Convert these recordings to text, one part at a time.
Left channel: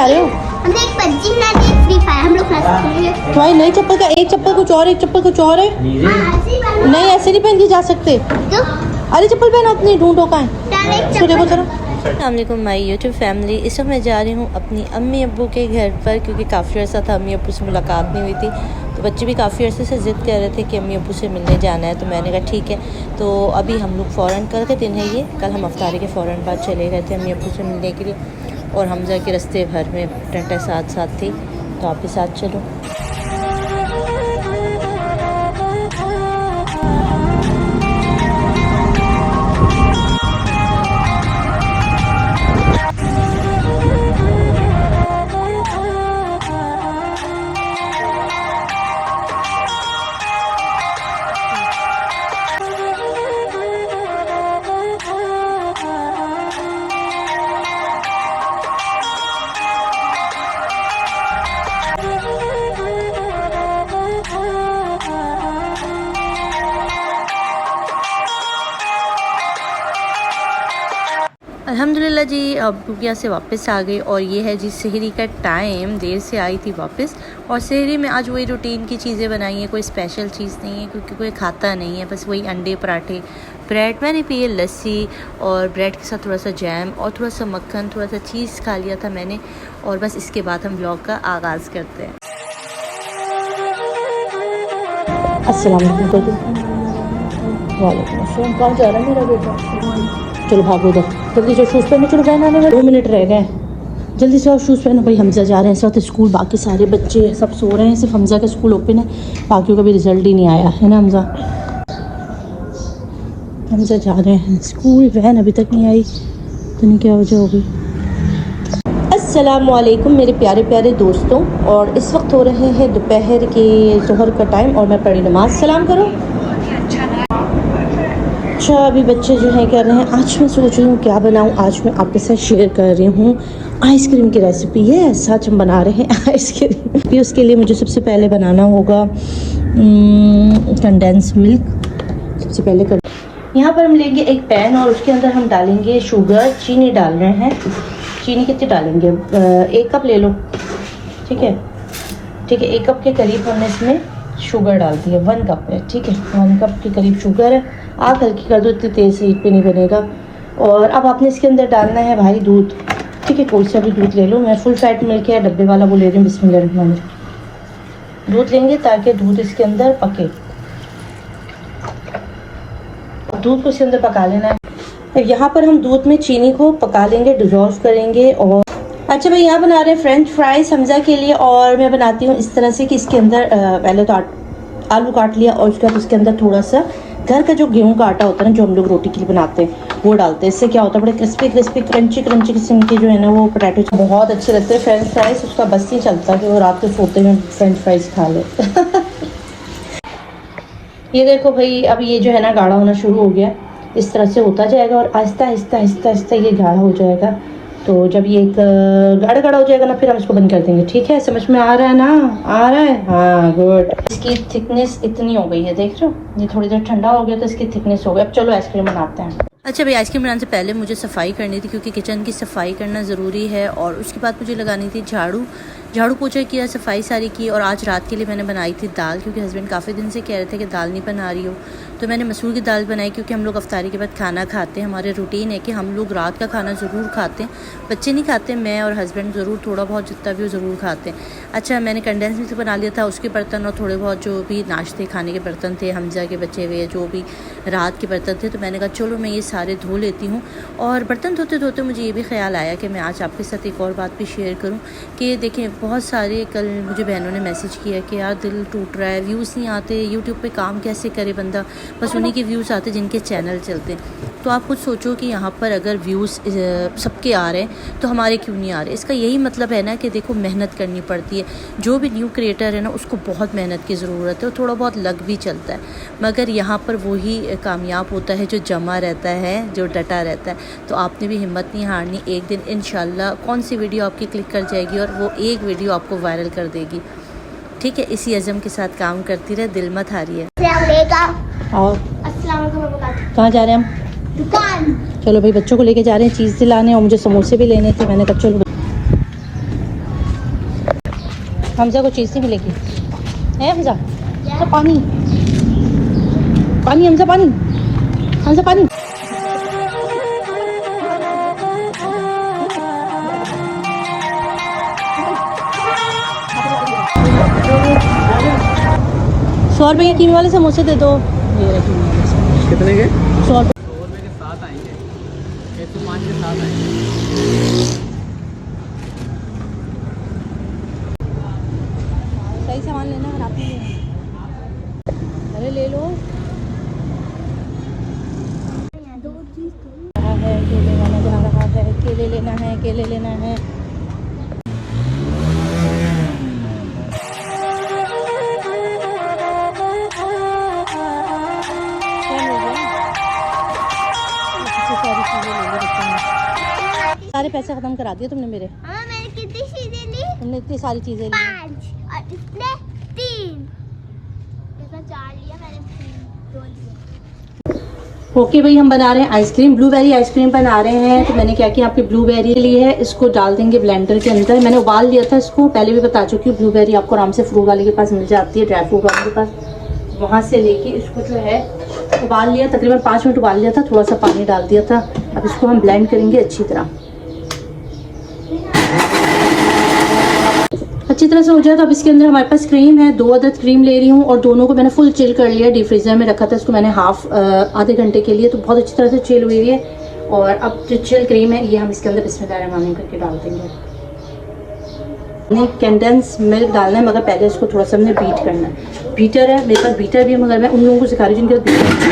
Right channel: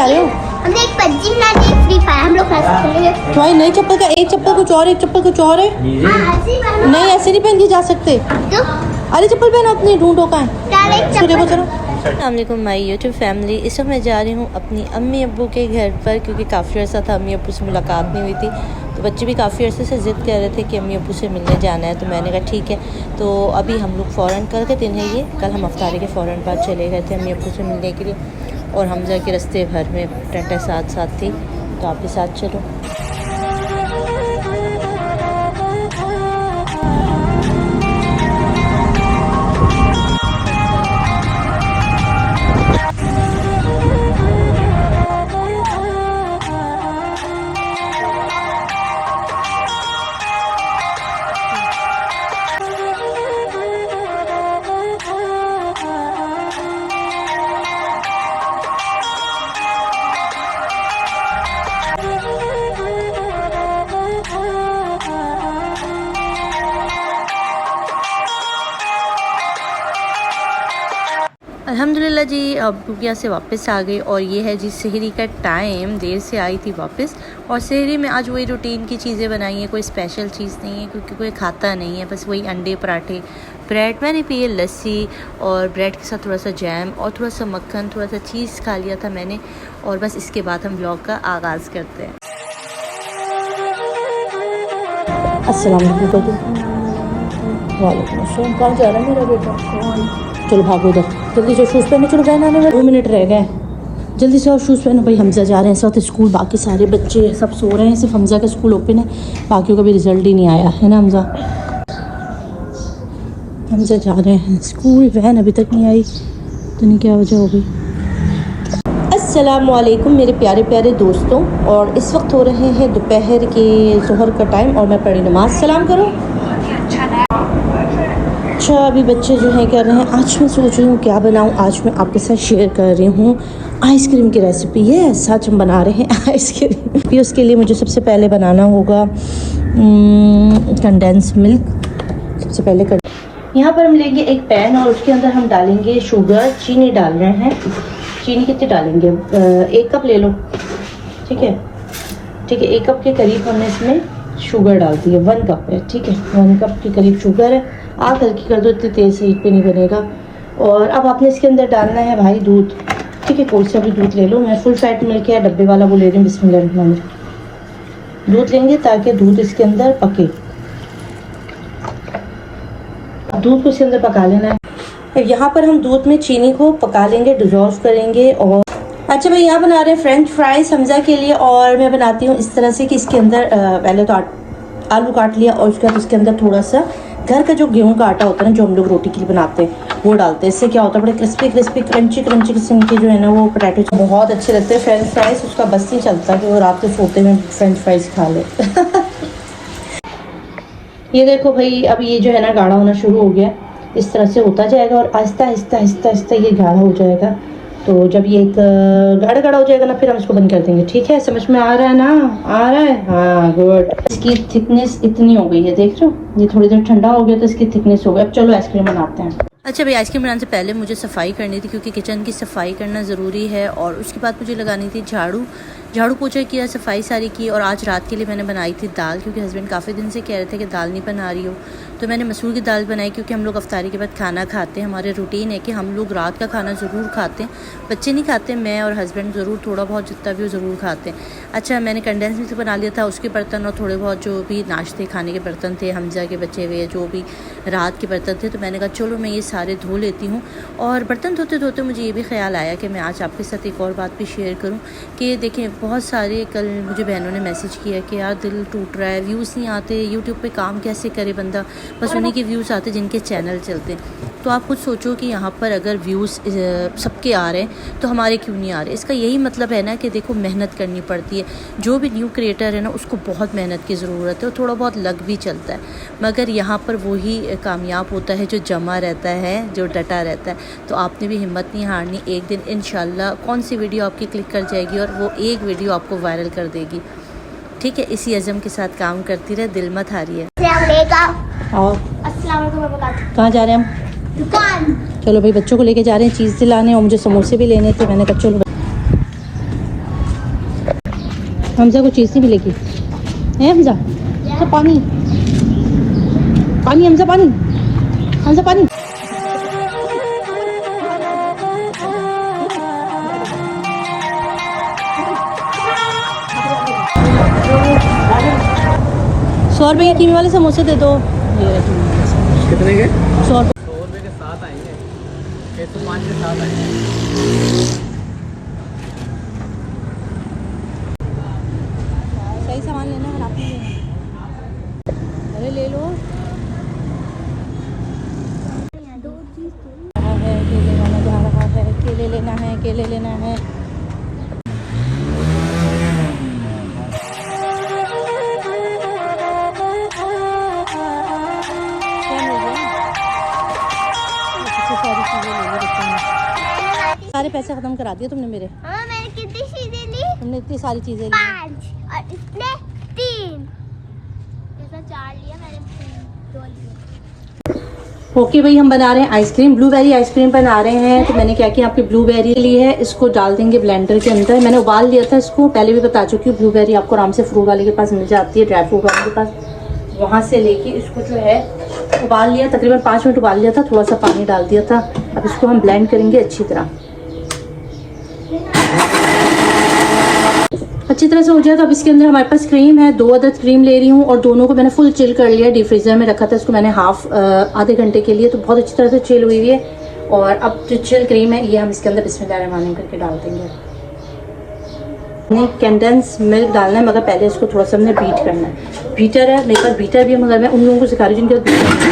आ रहे हो? हमने एक पबजी ना एक फ्री फायर हम लोग खेलेंगे। भाई नई चप्पल का एक चप्पल कुछ और, एक चप्पल कुछ और है। नहीं ऐसे नहीं पहन जा सकते। तो अरे चप्पल पहनो अपनी, ढूंढो कहाँ है। इसको देखो जरा। अस्सलामुअलैकुम माई यूट्यूब फैमिली। इस वक्त मैं जा रही हूँ अपनी अम्मी अब्बू के घर पर, क्योंकि काफ़ी अर्सा था अम्मी अब्बू से मुलाकात नहीं हुई थी। तो बच्चे भी काफ़ी अर्से से ज़िद कर रहे थे कि अम्मी अब्बू से मिलने जाना है। तो मैंने कहा ठीक है। तो अभी हम लोग फ़ौरन, कल का दिन है ये, कल हम अफ्तारी के फ़ौरन बाद चले गए थे अम्मी अब्बू से मिलने के लिए। और हमजा के रास्ते भर में टंटे साथ साथ थी, तो आप भी साथ चलो। अल्हम्दुलिल्लाह जी, अब यहाँ से वापस आ गई। और ये है जी सहरी का टाइम, देर से आई थी वापस। और सहरी में आज वही रूटीन की चीज़ें बनाई हैं, कोई स्पेशल चीज़ नहीं है क्योंकि कोई खाता नहीं है। बस वही अंडे पराठे, ब्रेड मैंने पिए, लस्सी, और ब्रेड के साथ थोड़ा सा जैम और थोड़ा सा मक्खन, थोड़ा सा चीज़ खा लिया था मैंने। और बस इसके बाद हम व्लॉग का आगाज़ करते हैं। कहाँ जा रहा है मेरा बेटा? चलो भागो उधर, जल्दी से शूज़ पहनो। चलो गए ना, 2 मिनट रह गए, जल्दी से और शूज़ पहनो। भाई हमजा जा रहे हैं इस वक्त स्कूल, बाकी सारे बच्चे सब सो रहे हैं, सिर्फ हमजा का स्कूल ओपन है, बाकियों का भी रिजल्ट ही नहीं आया है ना। हमजा जा रहे हैं स्कूल, वैन अभी तक नहीं आई, तो नहीं क्या वजह होगी। अस्सलामुअलैकुम मेरे प्यारे प्यारे दोस्तों, और इस वक्त हो रहे हैं दोपहर के ज़ोहर का टाइम, और मैं पढ़ी नमाज। सलाम करो। अच्छा अभी बच्चे जो है कर रहे हैं, आज मैं सोच रही हूँ क्या बनाऊँ। आज मैं आपके साथ शेयर कर रही हूँ आइसक्रीम की रेसिपी है। सच हम बना रहे हैं आइसक्रीम। उसके लिए मुझे सबसे पहले बनाना होगा कंडेंस मिल्क। सबसे पहले यहाँ पर हम लेंगे एक पैन, और उसके अंदर हम डालेंगे शुगर, चीनी डाल रहे हैं। चीनी कितनी डालेंगे? 1 कप ले लो, ठीक है। ठीक है, 1 कप के करीब हमने इसमें शुगर डाल दी है। 1 कप है, ठीक है, 1 कप के करीब शुगर है। आग हल्की कर दो, इतनी तेज़ से हीट पे नहीं बनेगा। और अब आपने इसके अंदर डालना है भाई दूध, ठीक है। कोई सा भी दूध ले लो, मैं फुल फैट मिल्क है डब्बे वाला वो ले रही हूँ। बिस्मिल्लाह। दूध लेंगे ताकि दूध इसके अंदर पके। दूध को इसके अंदर पका लेना है। यहाँ पर हम दूध में चीनी को पका लेंगे, डिजोल्व करेंगे। और अच्छा मैं यहाँ बना रहे हैं फ्रेंच फ्राइज हमजा के लिए। और मैं बनाती हूँ इस तरह से कि इसके अंदर पहले तो आलू काट लिया, और उसके बाद उसके अंदर थोड़ा सा घर का जो गेहूं का आटा होता है ना, जो हम लोग रोटी के लिए बनाते हैं, वो डालते हैं। इससे क्या होता है, बड़े क्रिस्पी क्रिस्पी क्रंची क्रंची किस्म के जो है ना वो पोटैटो बहुत अच्छे लगते हैं। फ्रेंच फ्राइज उसका बस नहीं चलता कि वो रात को सोते हुए फ्रेंच फ्राइज खा ले। ये देखो भाई, अब ये जो है ना गाढ़ा होना शुरू हो गया, इस तरह से होता जाएगा और आहिस्ता आहिस्ता आहिस्ता आहिस्ता ये गाढ़ा हो जाएगा। तो जब ये एक गाढ़ा गाढ़ा हो जाएगा ना, फिर हम इसको बंद कर देंगे। ठीक है, समझ में आ रहा है ना? आ रहा है, हाँ गुड। इसकी थिकनेस इतनी हो गई है, देख रहे हो, ये थोड़ी देर ठंडा हो गया तो इसकी थिकनेस हो गई। अब चलो आइसक्रीम बनाते हैं। अच्छा भाई, आइसक्रीम बनाने से पहले मुझे सफाई करनी थी, क्योंकि किचन की सफाई करना ज़रूरी है। और उसके बाद मुझे लगानी थी झाड़ू पोछा किया, सफाई सारी की। और आज रात के लिए मैंने बनाई थी दाल, क्योंकि हस्बैंड काफ़ी दिन से कह रहे थे कि दाल नहीं बना रही हो। तो मैंने मसूर की दाल बनाई, क्योंकि हम लोग अफ्तारी के बाद खाना खाते हैं। हमारे रूटीन है कि हम लोग रात का खाना ज़रूर खाते हैं। बच्चे नहीं खाते, मैं और हस्बैंड ज़रूर थोड़ा बहुत जितना भी वो ज़रूर खाते हैं। अच्छा मैंने कंडेंस मिल्क बना लिया था, उसके बर्तन और थोड़े बहुत जो भी नाश्ते खाने के बर्तन थे, हमजा के बचे हुए जो भी रात के बर्तन थे, तो मैंने कहा चलो मैं ये सारे धो लेती हूँ। और बर्तन धोते धोते मुझे ये भी ख्याल आया कि मैं आज आपके साथ एक और बात भी शेयर करूँ कि देखें, बहुत सारे कल मुझे बहनों ने मैसेज किया कि यार दिल टूट रहा है, व्यूज़ नहीं आते, यूट्यूब पे काम कैसे करे बंदा, बस उन्हीं के व्यूज़ आते जिनके चैनल चलते हैं। तो आप खुद सोचो कि यहाँ पर अगर व्यूज़ सबके आ रहे हैं तो हमारे क्यों नहीं आ रहे। इसका यही मतलब है ना कि देखो मेहनत करनी पड़ती है। जो भी न्यू क्रिएटर है ना, उसको बहुत मेहनत की ज़रूरत है और थोड़ा बहुत लग भी चलता है, मगर यहाँ पर वही कामयाब होता है जो जमा रहता है, जो डटा रहता है। तो आपने भी हिम्मत नहीं हारनी। एक दिन इंशाल्लाह कौन सी वीडियो आपकी क्लिक कर जाएगी और वो एक वीडियो आपको वायरल कर देगी। ठीक है, इसी अज़म के साथ काम करती रहे, दिल मत हारिए। और कहाँ जा रहे हैं हम? चलो भाई, बच्चों को लेके जा रहे हैं चीज़ दिलाने, और मुझे समोसे भी लेने थे। मैंने कहा चलो हमजा को चीज़ नहीं मिलेगी है हमजा पानी पानी हमजा पानी हमजा पानी ₹100 के 3 वाले समोसे दे दो। कितने के? 100 ₹100 के 7 आएंगे, 105 के 7 आएंगे। सही सामान लेना है, आप नहीं लेना। अरे ले लो। केले लेना है, केले लेना है। सारे पैसे खत्म करा दिए तुमने मेरे। हाँ मैंने कितनी चीजें ली? तुमने इतनी सारी चीजें ली। 5 और इसने 3। ऐसा 4 लिया मैंने। ओके भाई, हम बना रहे हैं आइसक्रीम, ब्लूबेरी आइसक्रीम बना रहे हैं। तो मैंने क्या किया, आपकी ब्लूबेरी ली है, इसको डाल देंगे ब्लेंडर के अंदर। मैंने उबाल लिया था इसको, पहले भी बता चुकी हूँ। ब्लूबेरी आपको आराम से फ्रूट वाले के पास मिल जाती है, ड्राई फ्रूट वाले के पास, वहाँ से लेके इसको जो है उबाल लिया, तकरीबन 5 मिनट उबाल लिया था, थोड़ा सा पानी डाल दिया था। अब इसको हम ब्लेंड करेंगे अच्छी तरह से हो जाएगा। अब इसके अंदर हमारे पास क्रीम है, 2 अदद क्रीम ले रही हूँ और दोनों को मैंने फुल चिल कर लिया, डीप फ्रीजर में रखा था इसको मैंने आधे घंटे के लिए, तो बहुत अच्छी तरह से चिल हुई है। और अब जो चिल क्रीम है ये हम इसके अंदर बिस्मिल्लाहिर्रहमानिर्रहीम करके डाल देंगे। कंडेंस मिल्क डालना है, मगर पहले इसको थोड़ा सा हमने बीट करना है। बीटर है मेरे पास, बीटर भी है, मगर मैं उन लोगों को सिखा रही हूँ जिनके पास बीटर नहीं है।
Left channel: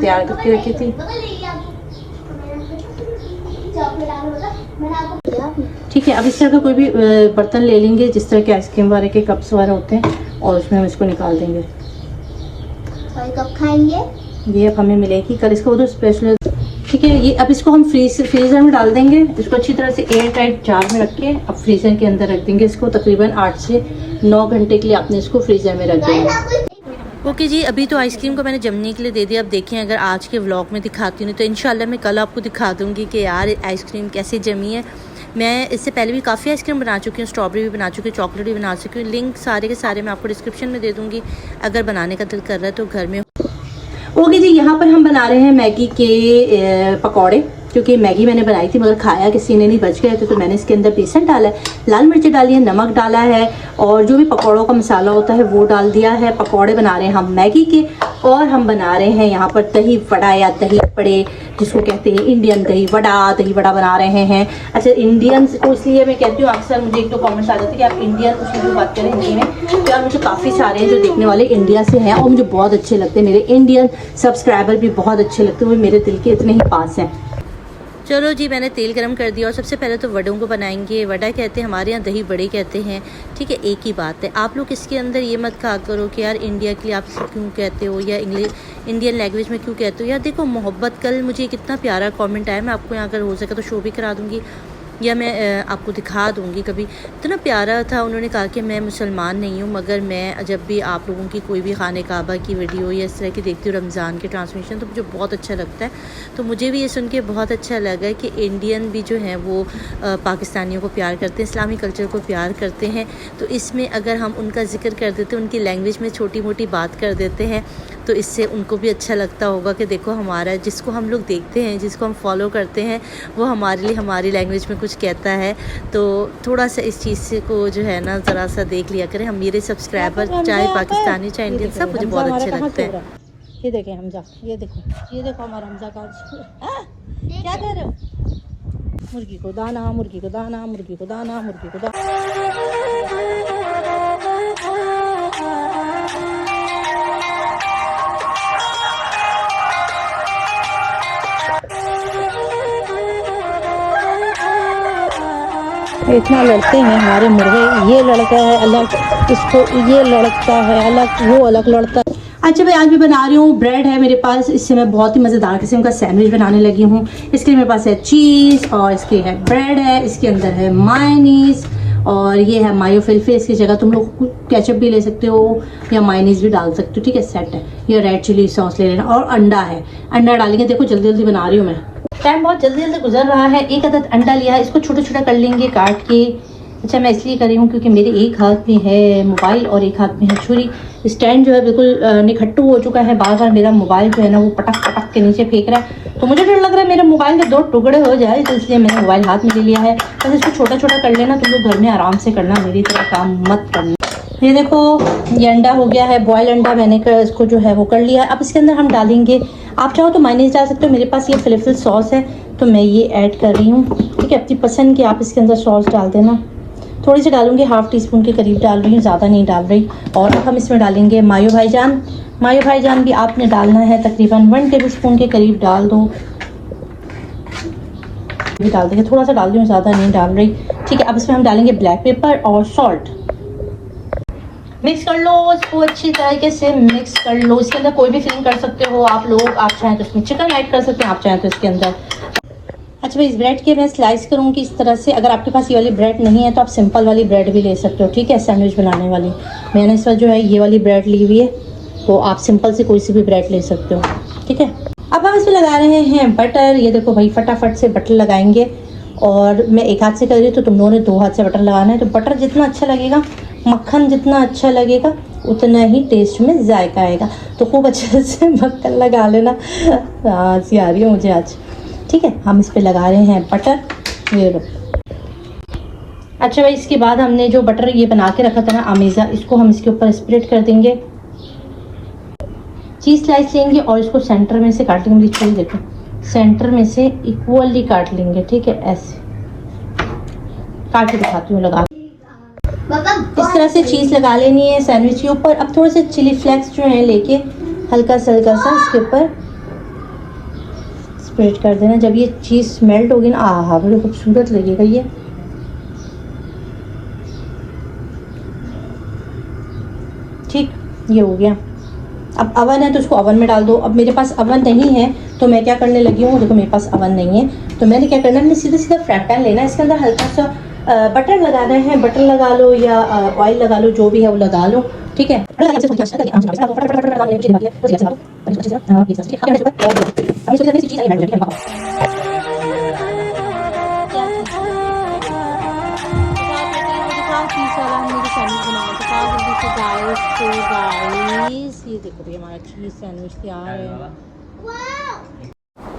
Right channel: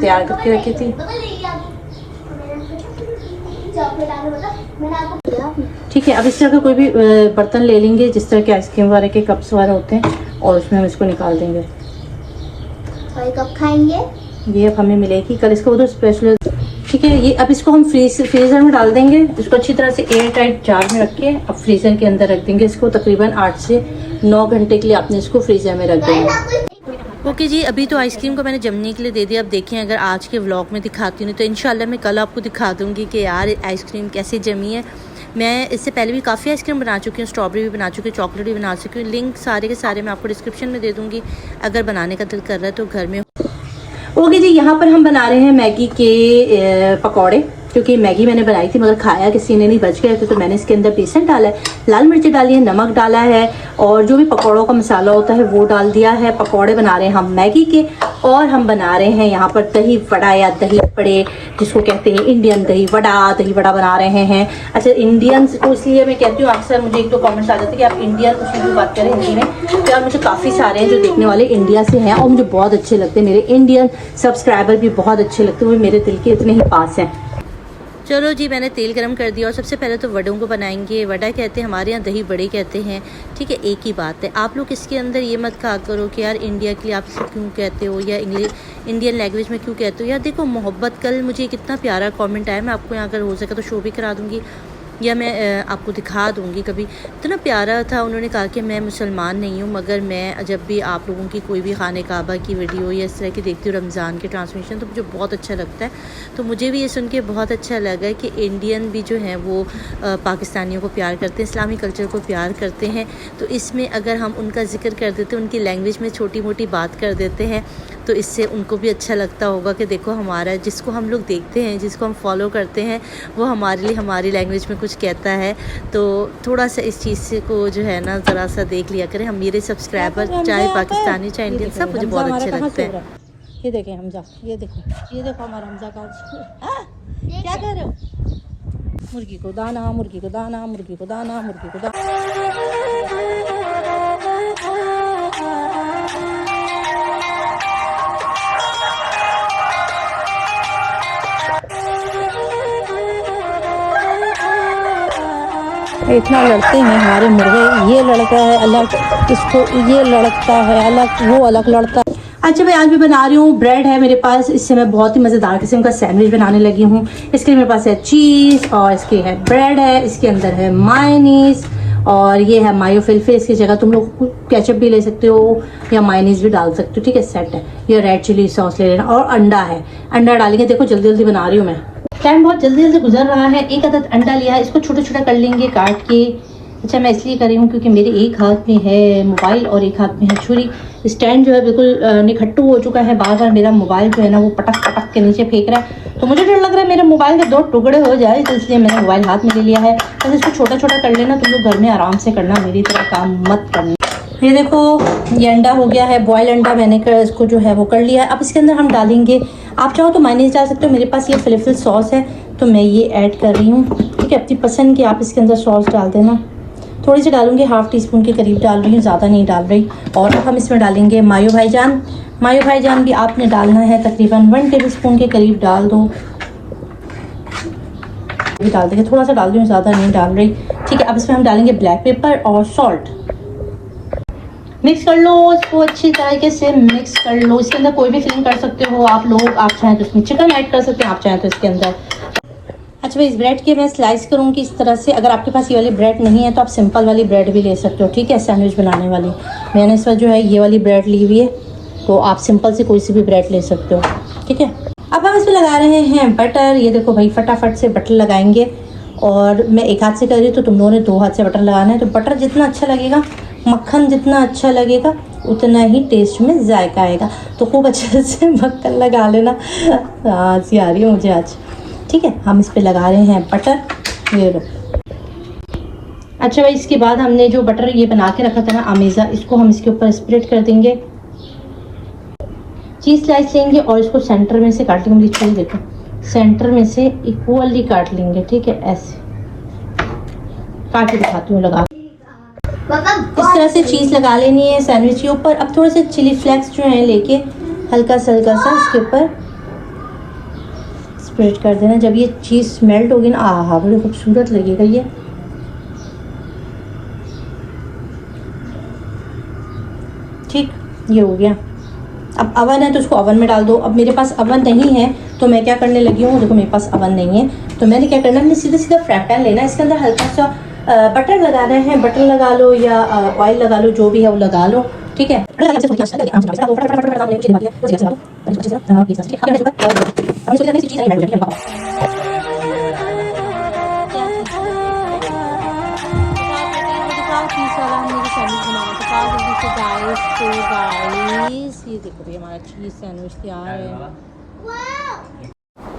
तैयार करके रखी थी। ठीक है, अब इस तरह का कोई भी बर्तन ले लेंगे जिस तरह के आइसक्रीम वाले के कप्स वाले होते हैं, और उसमें हम इसको निकाल देंगे। और कब खाएंगे? ये अब हमें मिलेगी कल, इसका उधर स्पेशल। ठीक है, ये अब इसको हम फ्रीजर में डाल देंगे। इसको अच्छी तरह से एयर टाइट जार में रख के अब फ्रीजर के अंदर रख देंगे। इसको तकरीबन 8 से 9 घंटे के लिए आपने इसको फ्रीजर में रख देंगे। ओके जी, अभी तो आइसक्रीम को मैंने जमने के लिए दे दिया। अब देखें, अगर आज के व्लॉग में दिखाती हूँ तो इंशाल्लाह मैं कल आपको दिखा दूँगी कि यार आइसक्रीम कैसे जमी है। मैं इससे पहले भी काफ़ी आइसक्रीम बना चुकी हूँ, स्ट्रॉबेरी भी बना चुकी हूँ, चॉकलेट भी बना चुकी हूँ। लिंक सारे के सारे मैं आपको डिस्क्रिप्शन में दे दूँगी, अगर बनाने का दिल कर रहा है तो घर में। ओके जी, यहाँ पर हम बना रहे हैं मैगी के पकौड़े, क्योंकि मैगी मैंने बनाई थी मगर खाया किसी ने नहीं, बच गया तो मैंने इसके अंदर बेसन डाला है, लाल मिर्ची डाली है, नमक डाला है, और जो भी पकौड़ों का मसाला होता है वो डाल दिया है। पकौड़े बना रहे हैं हम मैगी के, और हम बना रहे हैं यहाँ पर दही वड़ा या दही बड़े, जिसको कहते हैं इंडियन दही वड़ा बना रहे हैं। अच्छा, इंडियन को इसलिए मैं कहती हूँ, अक्सर मुझे एक तो कॉमेंट्स आ जाते हैं कि आप इंडियन उसमें भी बात करें हिंदी में, तो यार मुझे काफ़ी सारे हैं जो देखने वाले इंडिया से हैं और मुझे बहुत अच्छे लगते हैं। मेरे इंडियन सब्सक्राइबर भी बहुत अच्छे लगते हैं, वो मेरे दिल के इतने ही पास हैं। चलो जी, मैंने तेल गरम कर दिया और सबसे पहले तो वड़ों को बनाएंगे। वड़ा कहते हैं, हमारे यहाँ दही बड़े कहते हैं। ठीक है, एक ही बात है। आप लोग इसके अंदर ये मत कहा करो कि यार इंडिया के लिए आप इसे क्यों कहते हो, या इंडियन लैंग्वेज में क्यों कहते हो। यार देखो, मोहब्बत, कल मुझे कितना प्यारा कमेंट आया, मैं आपको यहाँ अगर हो सके तो शो भी करा दूँगी, या मैं आपको दिखा दूँगी कभी। इतना प्यारा था, उन्होंने कहा कि मैं मुसलमान नहीं हूँ, मगर मैं जब भी आप लोगों की कोई भी खाने काबा की वीडियो या इस तरह की देखती हूँ, रमज़ान के ट्रांसमिशन, तो मुझे बहुत अच्छा लगता है। तो मुझे भी ये सुन के बहुत अच्छा लगा कि इंडियन भी जो हैं वो पाकिस्तानियों को प्यार करते हैं, इस्लामी कल्चर को प्यार करते हैं। तो इसमें अगर हम उनका जिक्र कर देते हैं, उनकी लैंग्वेज में छोटी मोटी बात कर देते हैं, तो इससे उनको भी अच्छा लगता होगा कि देखो हमारा, जिसको हम लोग देखते हैं, जिसको हम फॉलो करते हैं, वो हमारे लिए हमारी लैंग्वेज में कुछ कहता है। तो थोड़ा सा इस चीज़ से को जो है ना ज़रा सा देख लिया करें। हम, मेरे सब्सक्राइबर चाहे पाकिस्तानी चाहे इंडियन, सब मुझे बहुत अच्छे लगते हैं। ये देखें हमजा, ये देखो हमारा हमजा का क्या कह रहे हो? मुर्गी को दाना, मुर्गी को दाना, मुर्गी को दाना, मुर्गी को दाना। इतना लड़ते हैं हमारे मुर्गे, ये लड़का है अलग, इसको ये लड़ता है अलग, वो अलग लड़ता है। अच्छा भाई, आज भी बना रही हूँ, ब्रेड है मेरे पास, इससे मैं बहुत ही मज़ेदार किस्म का सैंडविच बनाने लगी हूँ। इसके लिए मेरे पास है चीज़, और इसके है ब्रेड है, इसके अंदर है मायोनीज, और ये है मायो फिलफिल, इसकी जगह तुम लोग केचप भी ले सकते हो या मायोनीज भी डाल सकते हो, ठीक है, सेट है। ये रेड चिली सॉस ले लेना और अंडा है, अंडा डालेंगे। देखो जल्दी जल्दी बना रही हूँ मैं, टाइम बहुत जल्दी जल्दी गुजर रहा है। एक अदद अंडा लिया है, इसको छोटा छोटा कर लेंगे काट के। अच्छा मैं इसलिए कर रही हूँ क्योंकि मेरे एक हाथ में है मोबाइल और एक हाथ में है छुरी। स्टैंड जो है बिल्कुल निखट्टू हो चुका है, बार बार मेरा मोबाइल जो है ना वो पटक पटक के नीचे फेंक रहा है, तो मुझे डर लग रहा है मेरे मोबाइल के 2 टुकड़े हो जाए, तो इसलिए मैंने मोबाइल हाथ में ले लिया है। तो इसको छोटा छोटा कर लेना, तुम लोग घर में आराम से करना, मेरी तरह काम मत करना। ये देखो ये अंडा हो गया है, बॉयल अंडा मैंने इसको जो है वो कर लिया है। अब इसके अंदर हम डालेंगे, आप चाहो तो मायोनीज डाल सकते हो, मेरे पास ये फिलफिल सॉस है तो मैं ये ऐड कर रही हूँ, ठीक है। अपनी पसंद की आप इसके अंदर सॉस डाल देना, थोड़ी सी डालूंगी, हाफ टी स्पून के करीब डाल रही हूँ, ज़्यादा नहीं डाल रही। और अब हम इसमें डालेंगे मायो भाईजान। मायो भाईजान भी आपने डालना है, तकरीबन 1 टेबल स्पून के करीब डाल दो, भी डाल देंगे, थोड़ा सा डाल दूँ, ज़्यादा नहीं डाल रही, ठीक है। अब इसमें हम डालेंगे ब्लैक पेपर और सॉल्ट। मिक्स कर लो इसको अच्छी तरीके से, मिक्स कर लो। इसके अंदर कोई भी फिलिंग कर सकते हो आप लोग, आप चाहें तो इसमें चिकन ऐड कर सकते हो, आप चाहें तो इसके अंदर। अच्छा भाई इस ब्रेड के मैं स्लाइस करूँगी इस तरह से। अगर आपके पास ये वाली ब्रेड नहीं है तो आप सिंपल वाली ब्रेड भी ले सकते हो, ठीक है, सैंडविच बनाने वाली। मैंने इस वक्त जो है ये वाली ब्रेड ली हुई है, तो आप सिंपल से कोई सी भी ब्रेड ले सकते हो, ठीक है। अब हम इसमें लगा रहे हैं बटर। ये देखो भाई फटाफट से बटर लगाएंगे, और मैं एक हाथ से कर रही हूँ तो तुम लोगों ने 2 हाथ से बटर लगाना है। तो बटर जितना अच्छा लगेगा, मक्खन जितना अच्छा लगेगा, उतना ही टेस्ट में जायका आएगा। तो खूब अच्छे से मक्खन लगा लेना। हंसी आ रही है मुझे आज, ठीक है। हम इस पे लगा रहे हैं बटर, ये लो। अच्छा भाई इसके बाद हमने जो बटर ये बना के रखा था ना अमेज़ा, इसको हम इसके ऊपर स्प्रेड कर देंगे। चीज़ स्लाइस लेंगे और इसको सेंटर में से काट लेंगे, मेरी छुरी देखो, सेंटर में से इक्वली काट लेंगे, ठीक है, ऐसे काट के दिखाती हूँ लगा। इस तरह से चीज़ लगा लेनी है सैंडविच के ऊपर। अब थोड़े से चिली फ्लेक्स जो है लेके हल्का सा इसके ऊपर स्प्रेड कर देना। जब ये चीज़ मेल्ट होगी ना, आहा बड़ी खूबसूरत लगेगा ये। ठीक, ये हो गया। अब अवन है तो उसको अवन में डाल दो। अब मेरे पास अवन नहीं है तो मैं क्या करने लगी हूँ, देखो मेरे पास अवन नहीं है तो मैंने क्या करना है, मैंने सीधा सीधा फ्राई पैन लेना है, इसके अंदर हल्का सा बटर लगाना है। बटर लगा लो या ऑयल लगा लो, जो भी है वो लगा लो, ठीक है।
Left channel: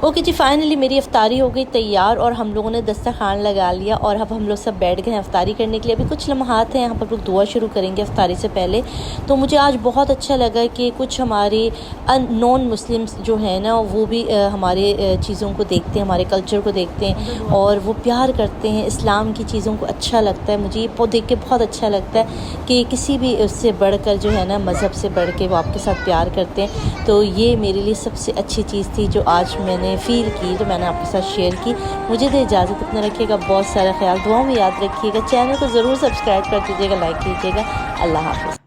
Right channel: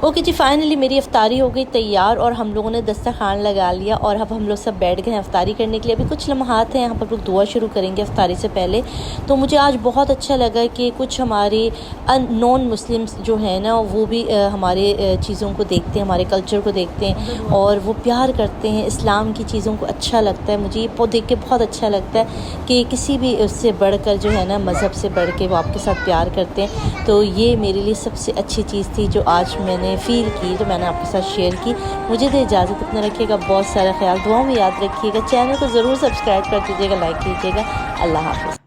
ओके जी, फाइनली मेरी इफ्तारी हो गई तैयार और हम लोगों ने दस्तरखान लगा लिया और अब हम लोग सब बैठ गए हैं इफ्तारी करने के लिए। अभी कुछ लम्हात हैं, यहाँ पर लोग दुआ शुरू करेंगे इफ्तारी से पहले। तो मुझे आज बहुत अच्छा लगा कि कुछ हमारे नॉन मुस्लिम्स जो हैं ना वो भी हमारे चीज़ों को देखते हैं, हमारे कल्चर को देखते हैं और वो प्यार करते हैं, इस्लाम की चीज़ों को अच्छा लगता है। मुझे ये देख के बहुत अच्छा लगता है कि किसी भी उससे बढ़कर जो है ना, मज़हब से बढ़ के वो आपके साथ प्यार करते हैं। तो ये मेरे लिए सबसे अच्छी चीज़ थी जो आज मैंने फ़ील की, तो मैंने आपके साथ शेयर की। मुझे दे इजाज़त, अपना रखिएगा बहुत सारा ख्याल, दुआ में याद रखिएगा। चैनल को ज़रूर सब्सक्राइब कर दीजिएगा, लाइक कीजिएगा। अल्लाह हाफ़िज़।